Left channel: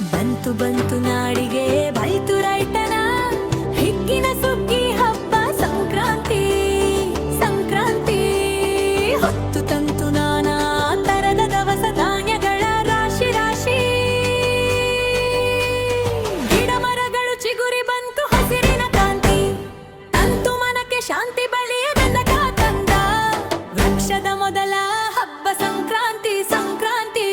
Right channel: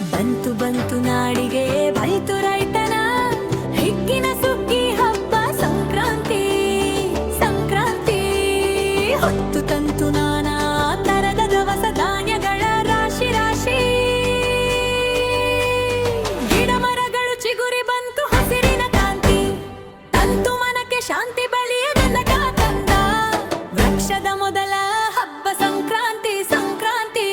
ಬಂತು ಬಂತು ನಾಡಿಗೆ ಬೈತು ರೈತನ ಹಿಗ್ಗಿನ ಸುಗ್ಗಿ ಹಬ್ಬ ಸಂಕ್ರಾಂತಿ ಸಂಕ್ರಾಂತಿ. ಹೊತ್ತು ತಂತು ನಾನಾ ತರದ ದವಸ ಧಾನ್ಯಗಳ ರಾಶಿ ರಾಶಿ. ಗಿಡ ಮರಗಳು ಚಿಗುರಿ ಬಂತು ಹಸಿರಿನ ಕಾಂತಿ. ತಂತು ಮನಕ್ಕೆ ಶಾಂತಿ ಬಳಿಯ ಬೆಂದಕ ತಂದ. ವೃಕ್ಷದ ಮೊದಲ ಹಬ್ಬ ಸಂಕ್ರಾಂತಿ ಸಂಕ್ರಾಂತಿ.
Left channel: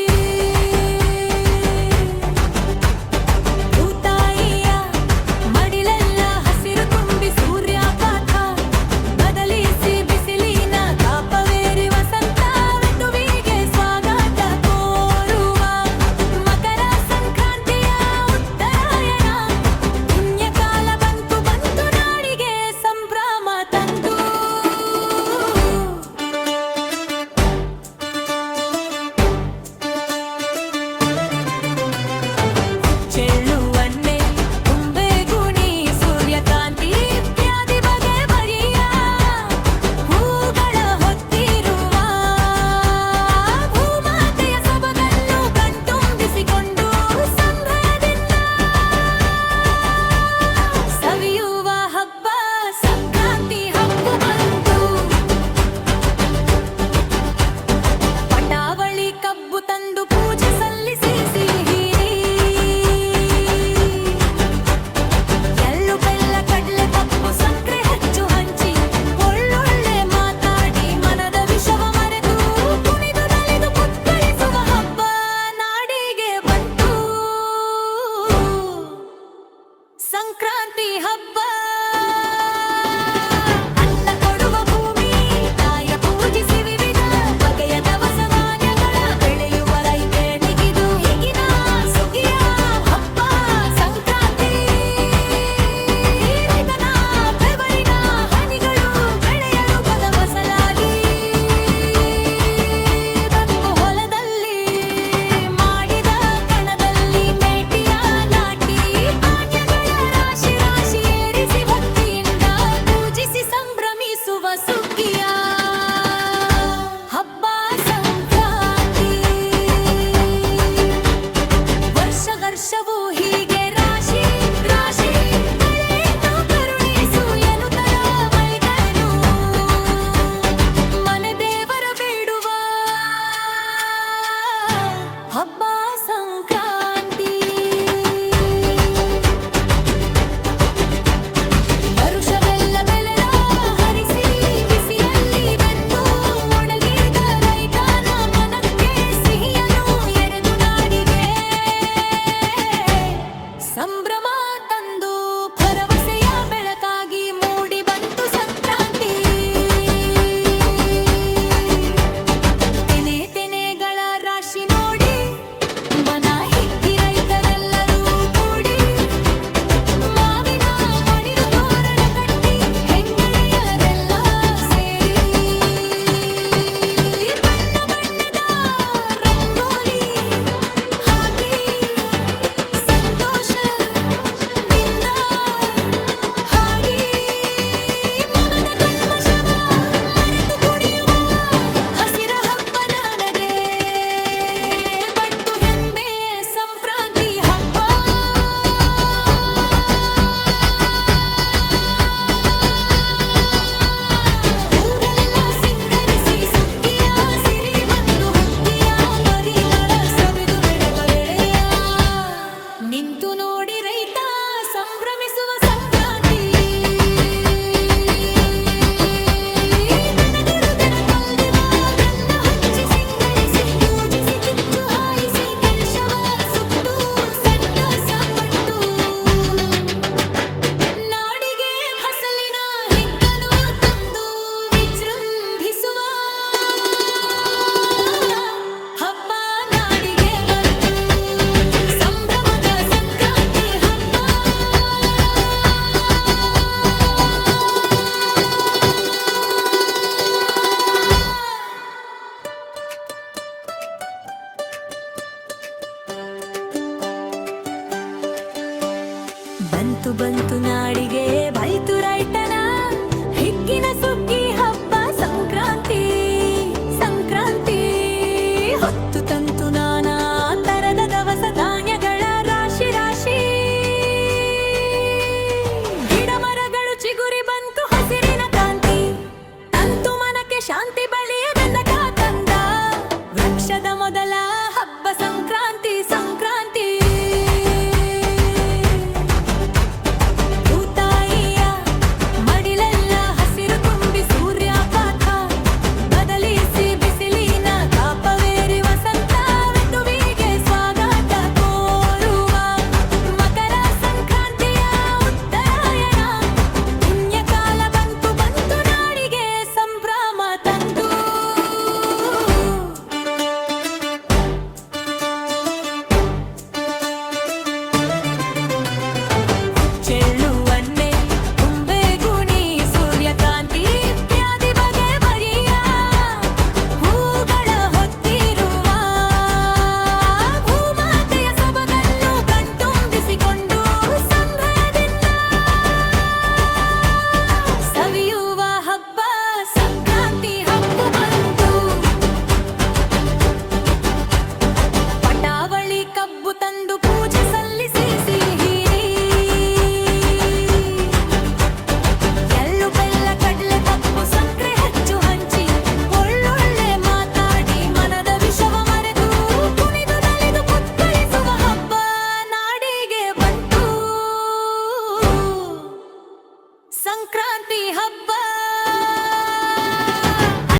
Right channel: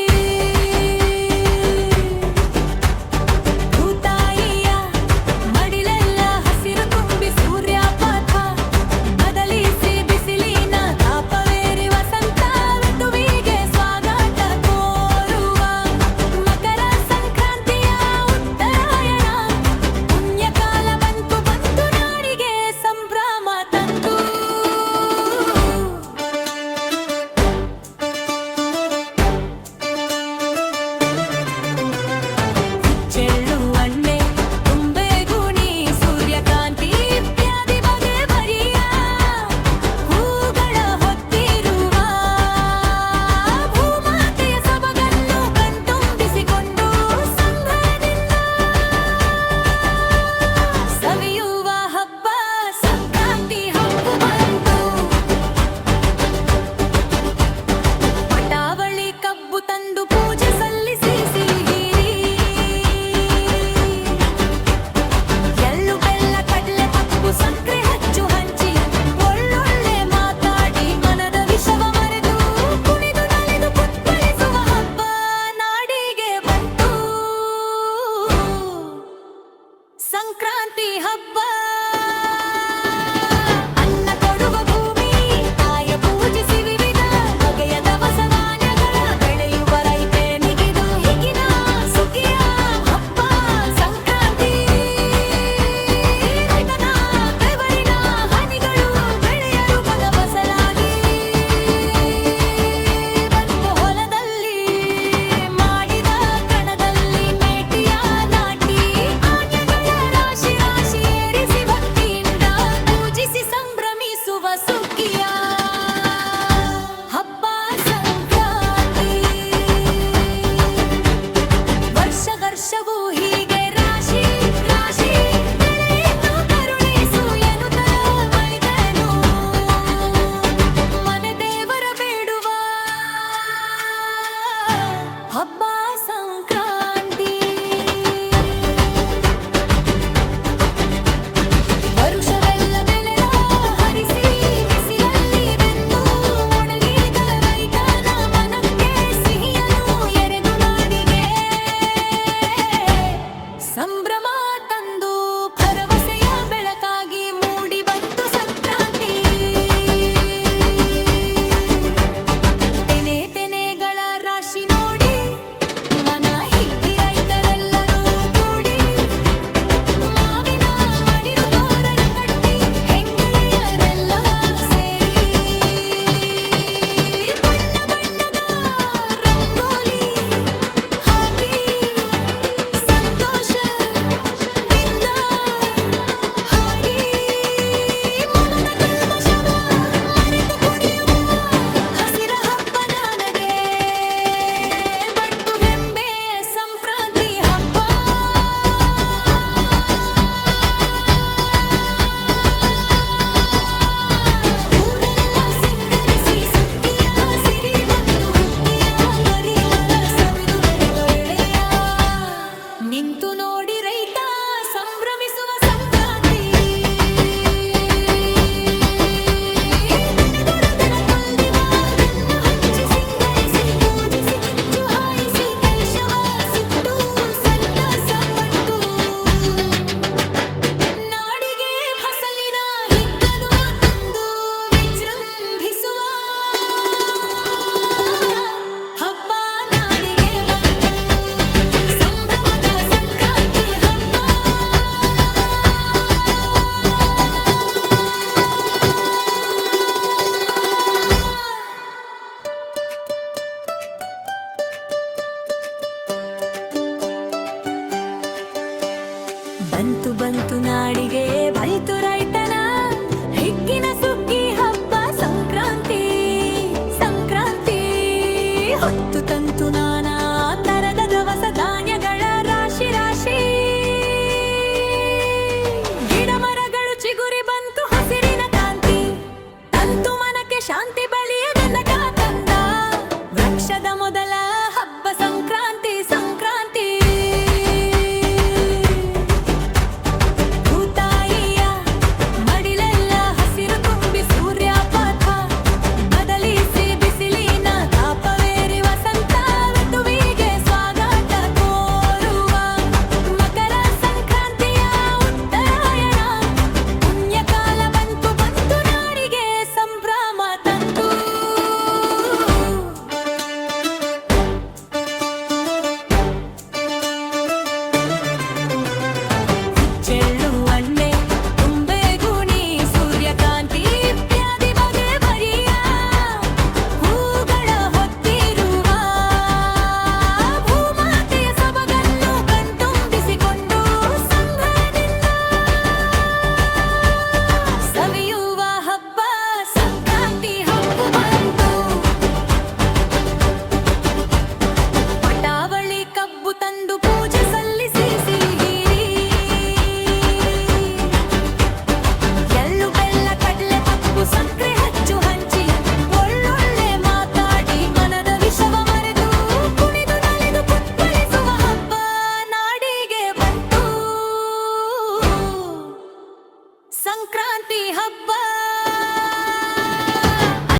ಚೆಳ್ಳು ಅಣ್ಣೆ ತುಂಬೆ ಗುಣಿ ಸೂರ್ಯಕಾಂತಿ ಇತ್ಯಾದಿ ಬಗೆ ಬರಿಯ ಹೂಗಳ ಹೊತ್ತಿರುವ ಭೂಮಾತೆಯ ಸೊಬಗನ್ನು ಕಣ್ತುಂಬಿಸಿಕೊಂಡು ಸಂಭ್ರಮದಿಂದ ಸವಿಯುವ ಹಬ್ಬ ಸಂಕ್ರಾಂತಿ ಹಬ್ಬ ಬಂತು. ಪಟಾವಳಿ ಕಬ್ಬು ತಂದು ಪೂಜೆ ಸಲ್ಲಿಸಿ ಸಂಕ್ರಾಂತಿ ಹಬ್ಬ. ಅನ್ನ ಕೊಡುವ ಭೂಮಿ ತಾಯ ಪೂಜಿಸಿ ವಿವಿಧ ಬಗೆಯ ದವಸ ಧಾನ್ಯಗಳ ಬೆಳೆಯುವ ರೈತನಿಗಿದು ಈಗಿನ ಸುಗ್ಗಿಯ ಹಬ್ಬ ಸಂಕ್ರಾಂತಿ. ರೈತನ ಬೆವರಿನ ಹನಿಗಳು ಬೆಳೆಯ ರೂಪದ ಫಸಲಾಗಿ ಬಂದು ಹೊಲದಲ್ಲಿ ಮಾಡಿದ ಕಣದಲ್ಲಿ ಮೇಟಿಯ ನಾಟಿ ರಾಶಿ ರಾಶಿ ಏರಿಸಿ ಭಕ್ತಿಯಿಂದ ಪೂಜಿಸಿ ಸಂಭ್ರಮಿಸುವ ಸುಗ್ಗಿಯ ಹಬ್ಬ ಸಂಕ್ರಾಂತಿ. ವರ್ಷವೂ ಹೀಗೆ ರಾಶಿ ರಾಶಿ ಬೆಳೆಯನ್ನು ಕರುಣಿಸು ಎನ್ನುತ್ತರ ಮೈದನು ಮನೆ ದೇವರ ಬೇಡುವ ಹಬ್ಬ ಸಂಕ್ರಾಂತಿ. ವರುಷವೆಲ್ಲ ಬೆಳೆದ ಹರಿಸಿ ಬಿಸಿಲಲ್ಲಿ ಬೆಂದು ಒಣಗಿದ ರೈತನ ಮನಕ್ಕೆ ಸಿಹಿಯನು ಎರೆದು ನಾಡಿಗೆ ಸಂಭ್ರಮ ತಂದು ಭರವಸೆಯ ಬೆಳಕಾಗಿ ಮೂಡಿ ಬಂತು ಸಂಕ್ರಾಂತಿ. ತೆನೆ ತೆನೆಗಳ ರಾಶಿ ನೋಡಿ ಮನ ಹಿಗ್ಗಿ ರೈತರೆಲ್ಲರೂ ಕೂಡಿ ಮಾವಿನ ಮಡಿರು ತೋರಣ ಕಟ್ಟಿ ಹೆಂಗಳೆಯರೆಲ್ಲ ಸೇರಿ ಬಣ್ಣ ಬಣ್ಣದ ರಂಗೋಲಿ ಹಾಕಿ ಸಂತೋಷದಿಂದ ಹಾಡಿ ಮನದ ಕಲ್ಮಶವ ಮರೆತು ಕುಣಿಯುವವ ಹಸಿರ ಹಬ್ಬ ನನಗೆ ಬಟ್ಟು ಹೆಮ್ಮೆ ಸಂಕ್ರಾಂತಿ ಹಬ್ಬ. ಊರಲೆಲ್ಲ ಸಿಂಗರಿಸಿ ಸುಗ್ಗಿಯ ಸಿರಿ ಬಂದು ಹುಗ್ಗಿಯ ಪರಿಮಳ ಸವಿದು ಬೆಡಬರೆಳೆಯ ನಿಂತು ನೋಡಿ ರೈತ ಸಂಭ್ರಮಿಸುವ ಸಂಕ್ರಾಂತಿ. ದನಗರುಗಳ ಕೊಲ್ದಿವ ಗನ್ನ ಹಚ್ಚಿ ಸಿಂಗರಿಸಿ ಪೂಜಿಸಿ ಕಿಚ್ಚು ಹಾಯಿಸಿ ಕಲಶವ ಸುಟ್ಟು ಸಂತಸ ಪಟ್ಟು ನಾಡಿಗೆ ಫಸಲಿನ ಹಿಗ್ಗನು ತಂದು ವಿಜೃಂಭಿಸುವ ಹಬ್ಬ ನಾಡಿಗೆ ಬಂತು ಸಂಭ್ರಮದ ಸಂಕ್ರಾಂತಿ ಹಬ್ಬ. ಬಂತು ಬಂತು ನಾಡಿಗೆ ಬೈತು ರೈತನ ಹಿಗ್ಗಿನ ಸುಗ್ಗಿ ಹಬ್ಬ ಸಂಕ್ರಾಂತಿ ಸಂಕ್ರಾಂತಿ. ಹೊತ್ತು ತಂತು ನಾನಾ ತರದ ದವಸ ಧಾನ್ಯಗಳ ಚೆಳ್ಳು